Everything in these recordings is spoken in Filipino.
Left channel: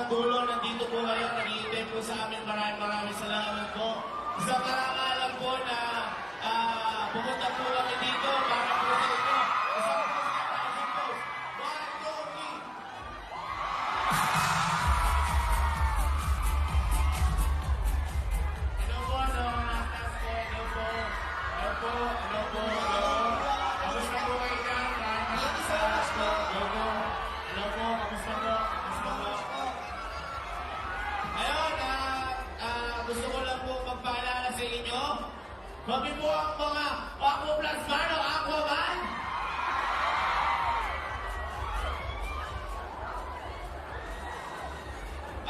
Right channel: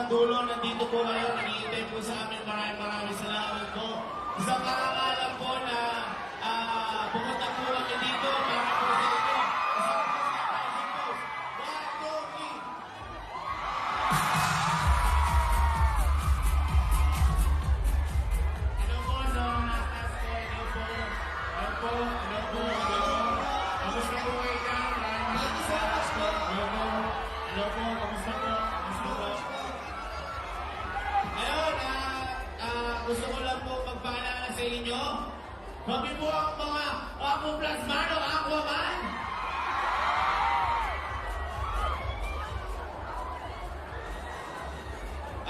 hanggang dulo, nandito po kayo, nag-iintay po sa amin. Maraming salamat po. Isang karangalan po na pumunta po kami dito para po sa inyo. Isang po sa isang po. 1, 2, 3. Hello po, no? Natas po, hello po. Hello po, hello po, hello. Kamusta po kayo dyan? Maraming salamat po. Hello po. Hello po, kamusta po? Kamusta po? Ayun, gusto ko lang po magpaalala sa inyo. Kami po ang mga Aqua Plus Man o Aquaman.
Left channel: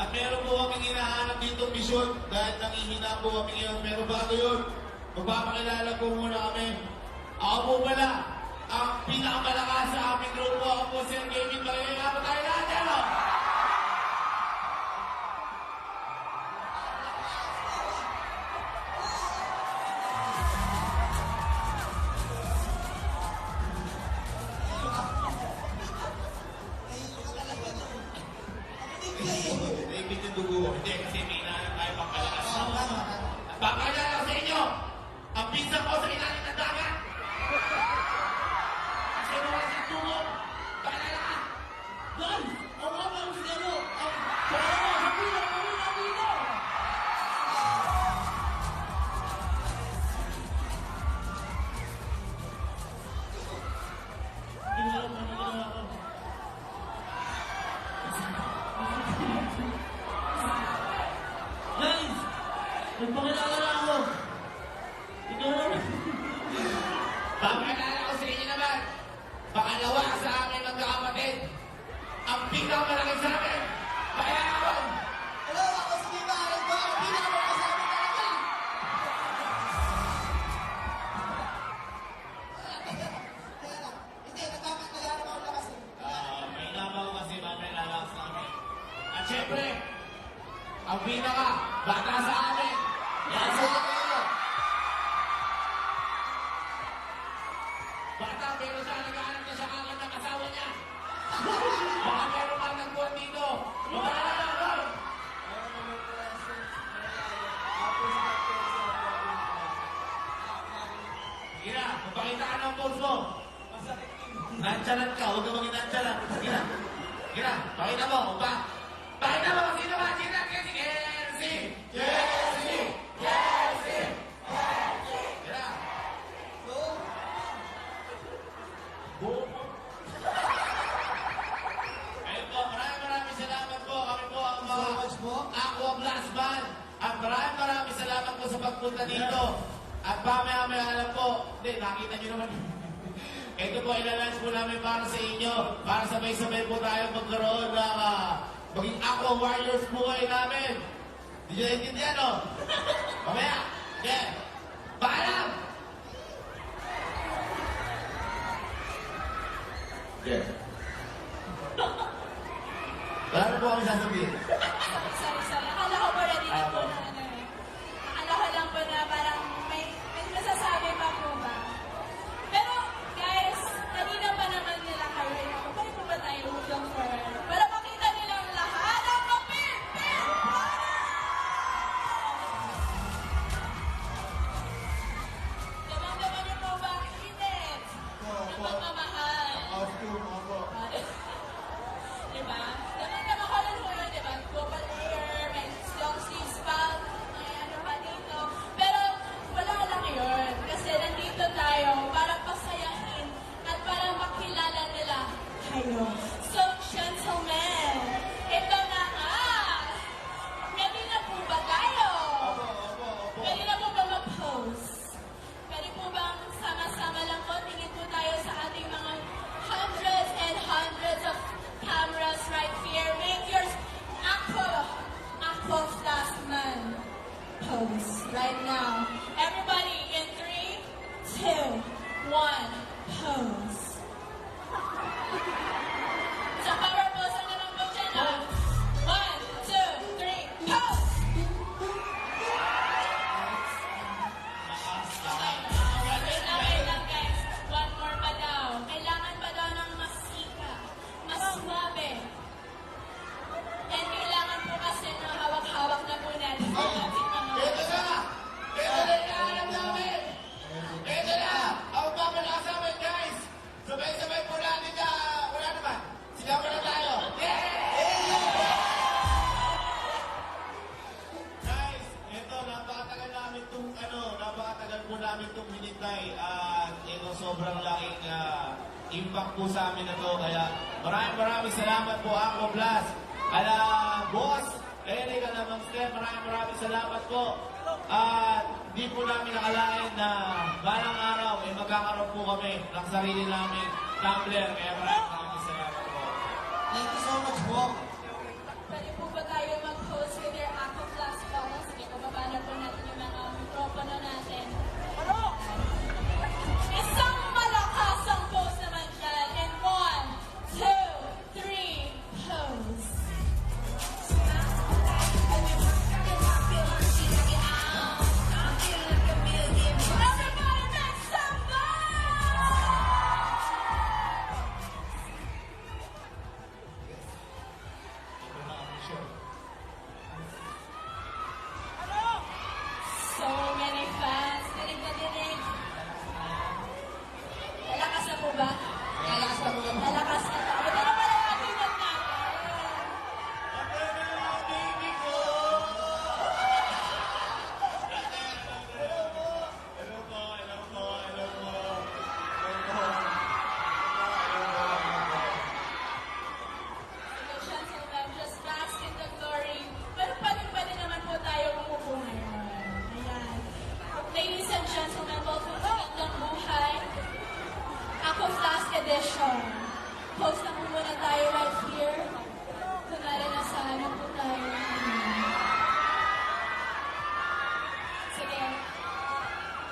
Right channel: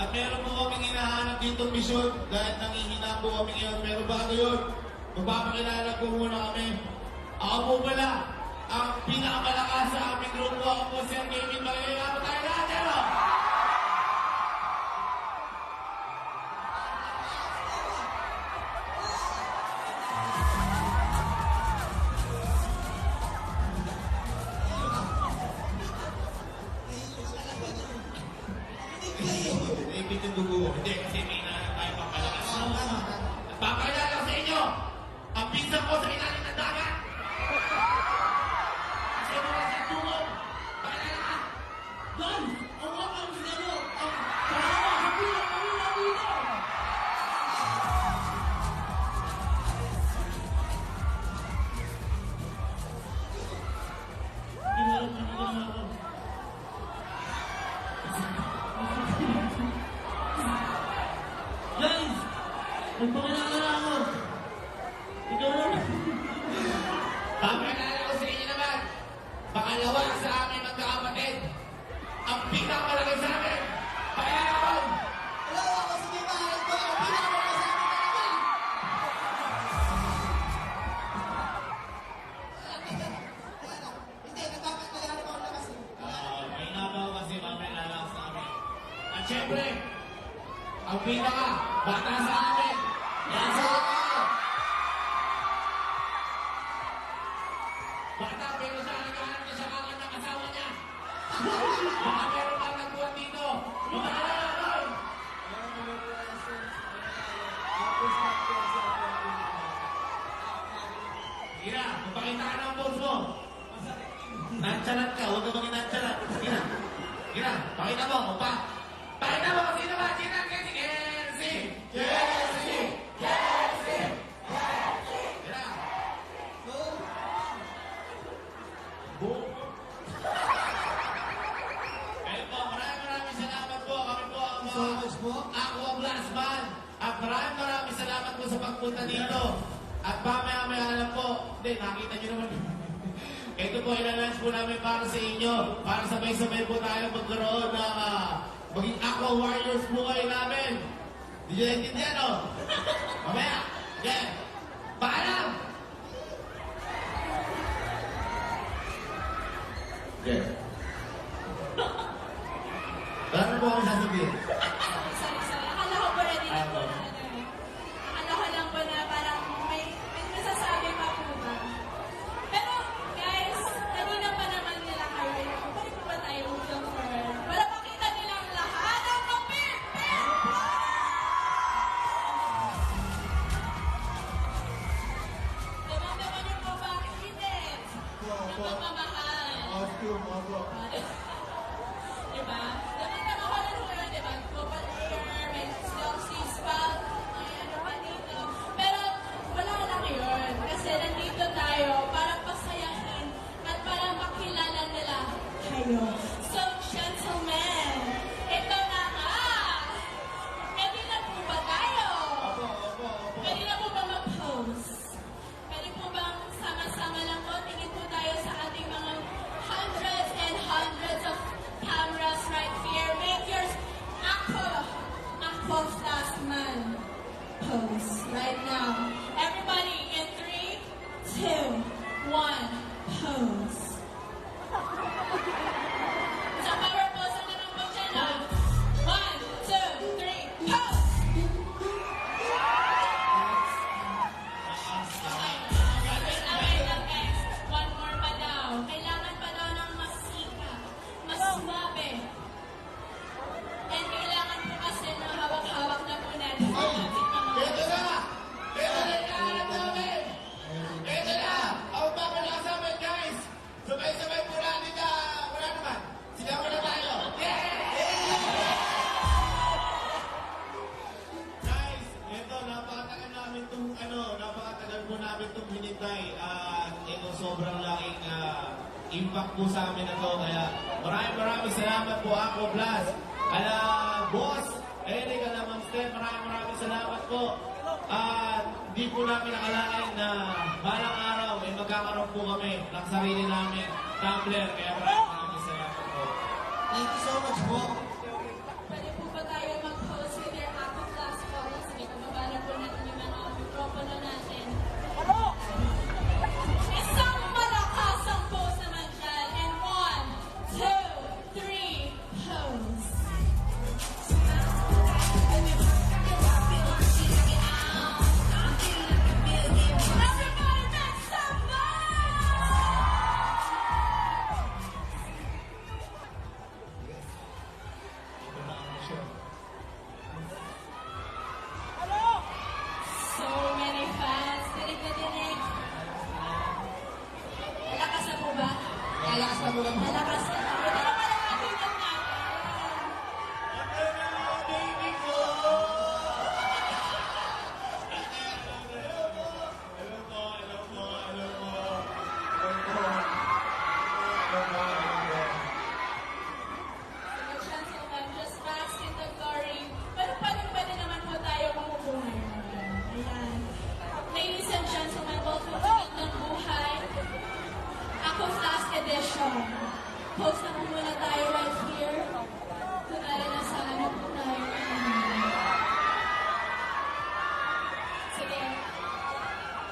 At meron po kaming hinahanap dito misyon dahil nangihina po kami ngayon. Pero bago yun, magpapakilala po muna kami. Ako po pala, ang pinakamalakas sa aming grupo. Ako po si Kevin Bagay. Ako tayo lahat, ano? Naipit yung dugo. Hindi, kasi may nahanap tayo pagkalakas. At papakilala ko sa inyo, ang pinsan ko sa ilalim ng dagat. Kasi mga sa dugo. Pakilala ka. Guys, ang mga kami sa inyo, ang kasama sa bilang kami na dito. Ginarap na nila ako. Guys, nagpakilala ako. Ikaw naman. Papakilala ko sa inyo naman. Pangalawa sa amin magkakapatid. Ang pinakamalaki sa amin. Pakilala ko. Hello, ako si Viva. Ito ang pinakamalaki sa amin talaga. Hindi, nagpapakilala ko na kasi. May nabaw kasi mamaya lang sa amin. At syempre, ang pinaka bata sa amin. Yan sa amin. Bata pero siya naghahanap na siya kagad ng asawa niya. Baka meron kang nagbuwan dito. Magkakala ko. Sige na, magpakita ka ng pulse mo. Nantsalat ka, huwag ka maging nantsalat. Sige na. Sige na, pakita mo. Pakita mo kung sino ba? Sige na, Kenzie. Kenzie! Kenzie! Kenzie! Kenzie! Sige na. Boom! Ayun po, maraming salamat po. Kami po ang mga Aqua Plus Man. At maraming salamat po sa pagpunta dito. At mamaya lang po. Hindi, nakita nyo naman. Ito po, ilalunch po namin para sa inyo. Para sabay-sabay po tayo magkaroon ng maging Aqua Warriors po kayo namin. Hindi nyo naintindihan, no? Mamaya. Yeah. Paalam! Yeah. Wala na po kami sasabihin. Sorry. Akala ko po ready na po Ako. na ano eh. Akala ko lang po na parang may masasabi pa po ba. Pero guys, kanina pa naman nila kayo. Balik po ba tayo hanggang first? Para makita nilang lahat ang kapit! Daman-daman niyo po ba ang init? Ng pagmamahal. Costume, opo. Diba? Daman-daman ko rin po yun, diba? Global air, may long sleeves pa, may ano pa dito. Pero wala lang yun. Kasi nandito tayo para pasayahin at para makilala nila kayo. So, gentlemen, ito na nga! Ready na po ba tayo? Pwede na po ba mag-pose? Pwede po bang sama-sama lang po? Tingin po tayo sa ating mga hundreds and hundreds of cameras right here. Make yours Aqua Plus napakatagal po namin itong hinintay at ito sobrang laking impact po sa amin na to. Kaya maraming salamat po ako, Blast. Ala, Boss, Eric, ala, Ma'am Steph, maraming salamat po. At di po namin nakalain na balang araw ay magkakaroon po kami ng sarili namin tumbler. Kaya maraming salamat po. Thank you so much po. Pwede po ba tayo mag-host with your Aqua Class Photos? Sige, pababa na po natin yung mga mikropono natin. Isang malakas ang pose naman dyan. And 1, 2, 3, pose. Everybody make some So many fans. Dinig na dinig. Malakas na po ba? Lalakas na po ba? Malakas na. Ito na pala natin natin. Baby ko! Gentlemen, just bask in the glory. Pero pwede naman po tayo umupo ngayon. Ayan. Ladies and gentlemen, welcome to Gandang Buhay. Aqua Flask Edition. Post na po muna tayo right here. Kunwari nasa ano po tayo. Sige.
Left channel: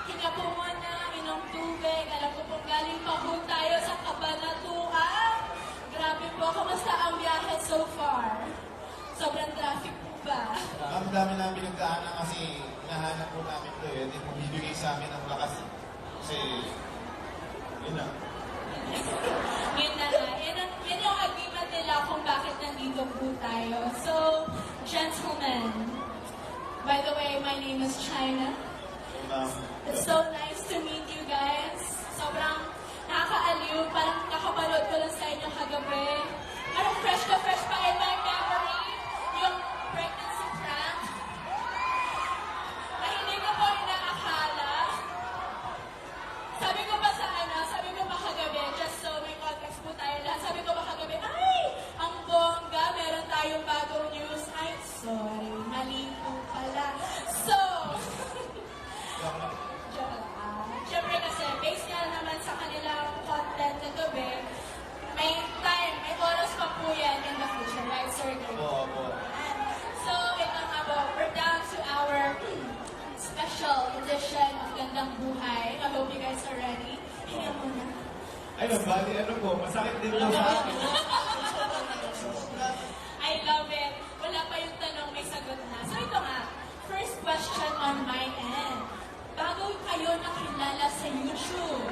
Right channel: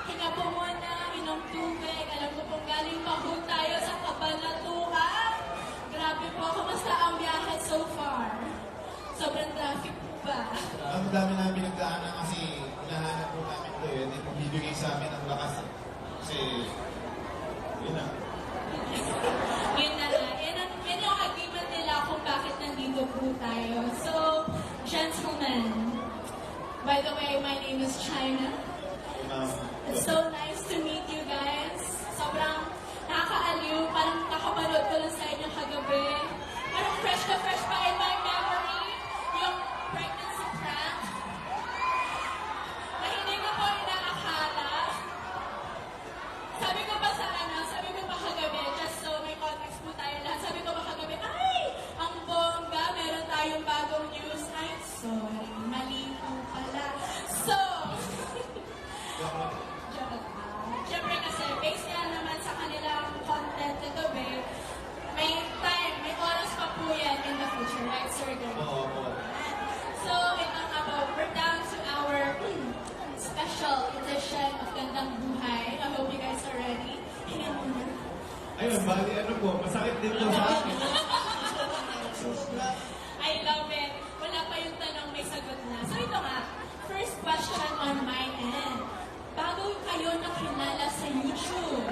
Hinga po muna, inom tubig. Alam ko pong galing pa po tayo sa Cabanatuan. Grabe po, kumusta ang biyahe so far? Sobrang traffic po ba? Ang dami namin nagdaanan kasi hinahanap po namin ito eh. Hindi po bibigay sa amin ang lakas. Kasi, yun na. Yun na nga. Yan yung agreement nila kung bakit nandito po tayo. So, gentlemen, by the way, my name is China. It's so nice to meet you guys. Sobrang nakakaaliw. Parang nakapanood ko lang sa inyo kagabi. Parang fresh pa in my memory. Yung pregnancy prank. Na hindi ko po inaakala. Sabi ko ba kagabi, just so may context po tayo lahat. Sabi ko ba kagabi, ay, ang bongga, meron tayong bagong news. Ay, sorry, mali po pala. So, joke lang. Siyempre kasi, based nga naman sa kanilang content na gabi, may time, may oras pa po yan in the future, right, Sir Gary? Oo po. So, ito nga po, we're down to our special edition of Gandang Buhay. I hope you guys are ready. Hinga muna. Ayun, bali, ano po, masakit din po sa akin. I love it. Wala pa yung tanong, may sagot na. So ito nga, first question on my end. Bago kayo nakilala sa YouTube,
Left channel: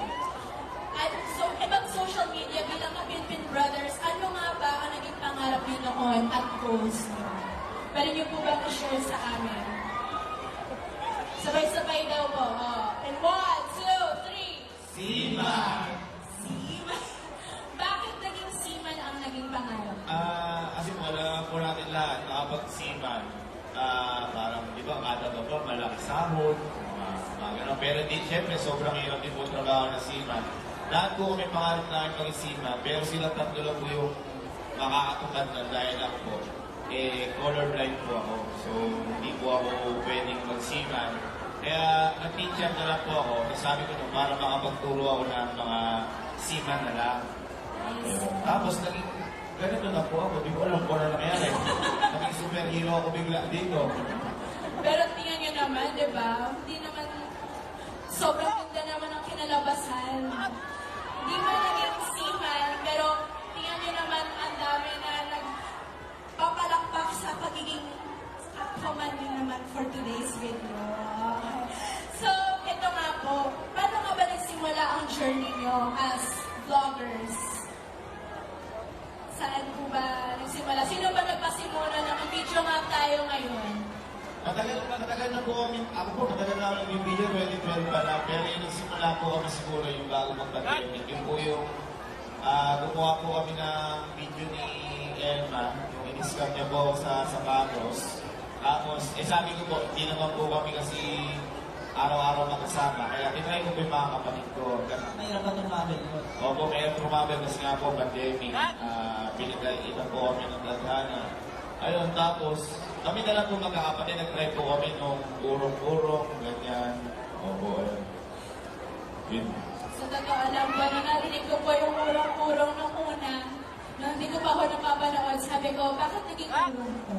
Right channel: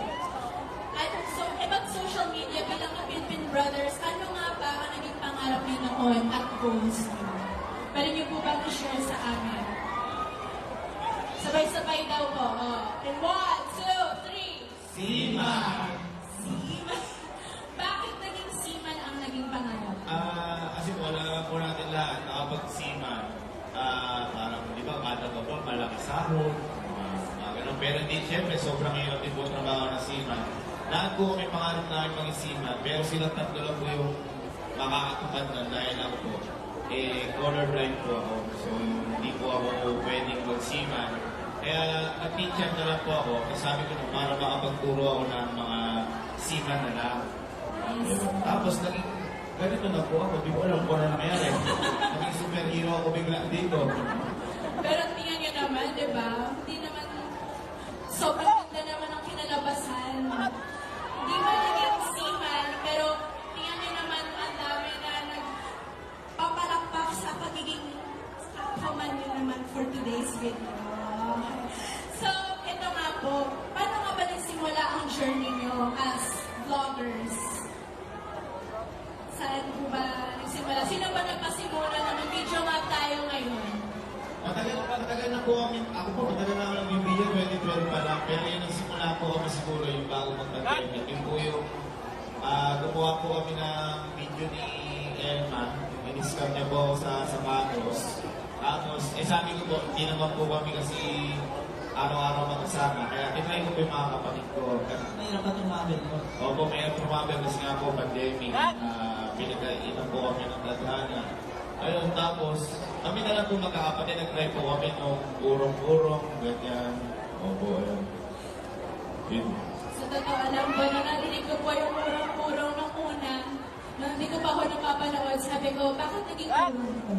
at so, ibang social media bilang Kapinpin Brothers, ano nga ba ang naging pangarap niyo noon at goals niyo? Pwede niyo po ba i-share sa amin? Sabay-sabay daw po. Oh. And 1, 2, 3. Seaman! Seaman. Bakit naging seaman ang naging pangarap? Kasi wala po natin lahat nakapag-seaman. Parang, di ba, kada baba, malaki sahod, mga ganun. Pero di, syempre, sobrang hirap din po trabaho ng seaman. Lahat po kami pangarap namin maging seaman, pero sila tatlo lang po yung makakatupad nun dahil ako po, colorblind po ako. So, hindi po ako pwedeng mag-seaman. Kaya, nag-teacher na lang po ako. Kasi sabi ko na para makapagturo ako ng mga seaman na lang. Tapos, naging ganito na po ako. Di ko alam kung ano nangyari. Naging superhero ako bigla dito. Pero tingnan nyo naman, di ba? Hindi naman, sobrang ganda naman ang kinalabasan. Hindi man naging seaman, pero tingnan nyo naman ang dami na nagpapalakpak sa pagiging Aquaman nyo naman for today's video. So, ito nga po, paano nga ba nagsimula ang journey nyo as vloggers? Saan po ba nagsimula? Sino ba nagpasimula na mag-video nga tayo ngayon? Matagal na po kami, ako po, matagal na ako nag-video, 2012 pa lang. Pero yung nagsimula po kami siguro yung bago mag-pandemic. Yung po yung, gumawa po kami ng video ni Elma. Yung in-scam niya po sa sapatos. Tapos, sabi ko po, hindi naman po kami kasi araw-araw magkasama. Kaya tinry ko po yung mga kapatid ko. Mahirap ba tumabel mo? Opo, may tumabel kasi nga po pandemic. Pinagkaitan po kami ng tadhana. Ayun, tapos kami na lang po magkakapatid. Nag-try po kami nung urong-urong, ganyan. Opo, ayun. Yun. Sa totoo lang po, nung narinig ko po yung urong-urong nung una, nung hindi ko pa ako napapanood, sabi ko, bakit naging urong ko?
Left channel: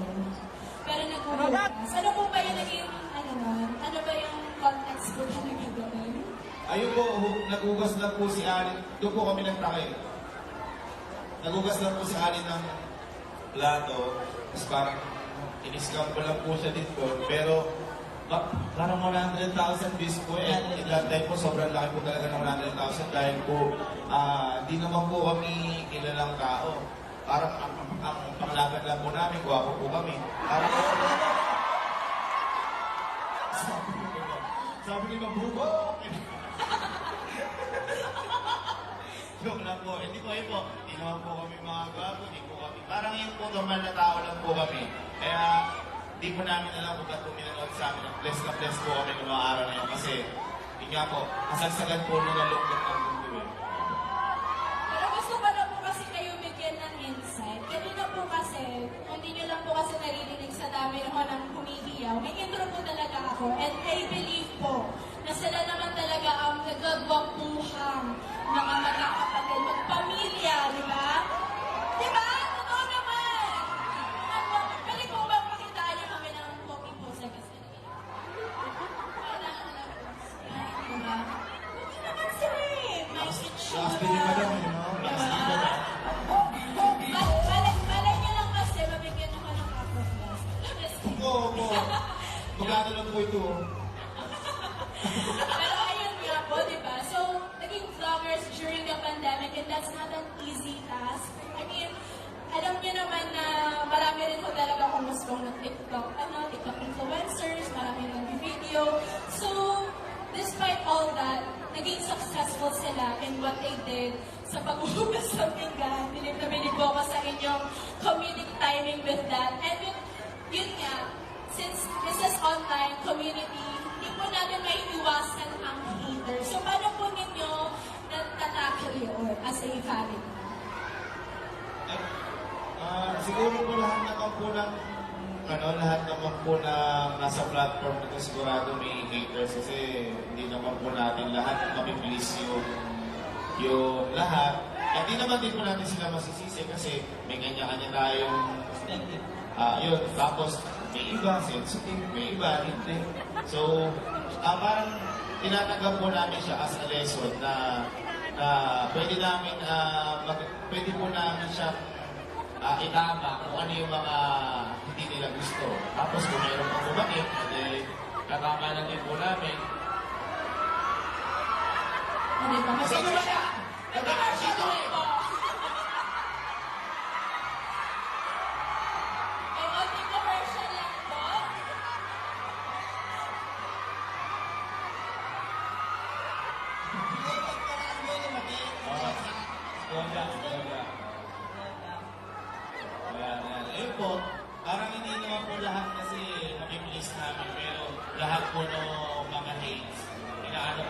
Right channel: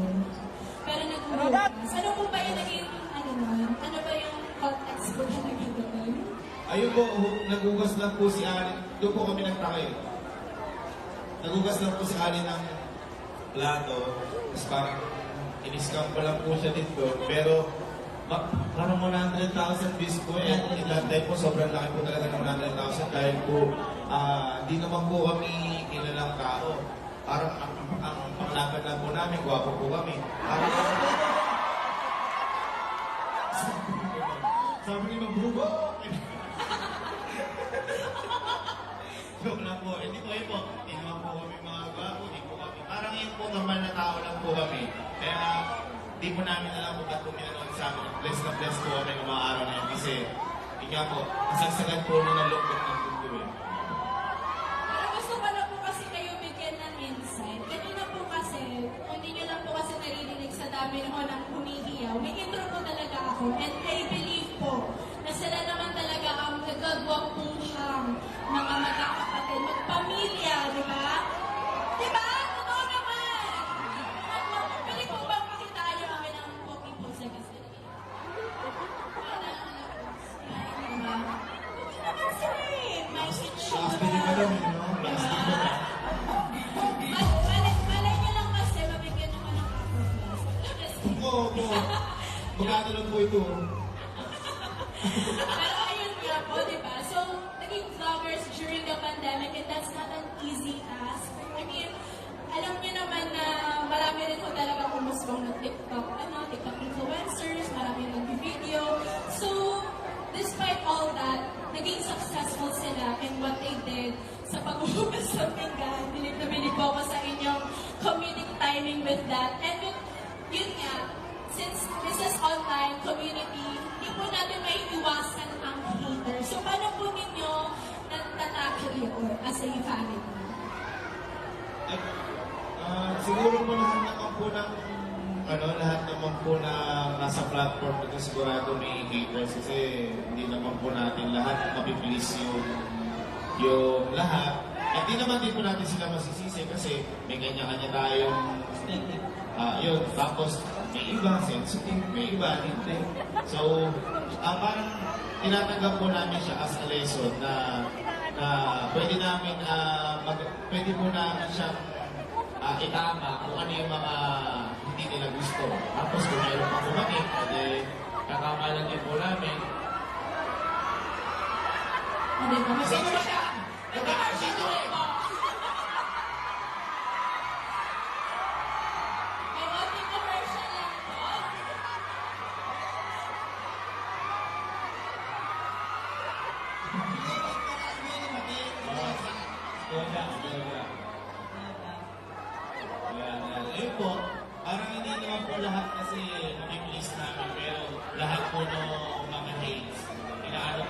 Pero nag-uras. Ano po ba yung naging, ano nun? Ano ba yung context po na naging doon? Ayun po, nagugas lang po si Ali. Doon po kami nagtakay. Nagugas lang po si Ali ng plato. Tapos parang in-scam ko lang po siya dito. Pero parang 100,000 views po. And in that time po, sobrang laki po talaga ng 100,000 dahil po di naman po kami kilalang tao. Parang ang panglaban lang po namin, gwapo po kami. Parang, sabi ni Mabubo! Joke lang po. Hindi po yun po. Hindi naman po kami mga gwapo. Hindi po kami. Parang yung po normal na tao lang po kami. Kaya di po namin alam kung ba't po minanood sa amin. Bless na bless po kami ng mga araw na yun. Kasi, yun nga po, kasagsagan po nung nalukot ng mundo eh. Pero gusto ko na po kasi kayo bigyan ng insight. Kanina po kasi, kung hindi nyo lang po kasi naririnig sa dami ho ng humihiyaw, may intro po talaga ako. And I believe po na sila naman talaga ang nagagwapuhang mga magkakapatid, magpamilya, di ba? Di ba? Totoo naman! Pwede po bang pakitaan nyo kami ng copy po sa kasi? Okay naman sila eh. May itsura. Last video pa lang, no? Last video. Malay niyo lang kasi mabigyan ako ng upper class. Oo po. Magkano lang po ito. Pero ayun nga po, di ba? So, naging vloggers during the pandemic and that's not an easy task. I mean, alam niyo naman na marami rin po talaga kumusbong ng TikTok influencers, marami nag-video. So, despite all that, naging successful sila in what they did sa paghuhugas ng pinggan. Bilib na bilib po ako sa inyong comedic timing with that. And yun nga, since this is online community, hindi po natin may iwasan ang hater. So, paano po ninyo natatakil yun as a family? Siguro po lahat naman po ng lahat naman po na nasa platform ito sigurado may haters kasi hindi naman po natin lahat mapipilis yung lahat. Hindi naman din po natin sila masisisi kasi may kanya-kanya tayong yun. Tapos may iba sensitive, may iba hindi. So, parang tinatanggap po namin siya as a lesson na pwede namin pwede po namin siya itama kung ano yung mga hindi nila gusto. Tapos kung mayroon pang bumalik, katama lang din po namin. Hindi ba? Sino ba yan? Sino eh? May konting commercial lang po. Ayun po, parang hindi naman po lahat kasi mabibilis namin, pero lahat po ng mga hates, inaano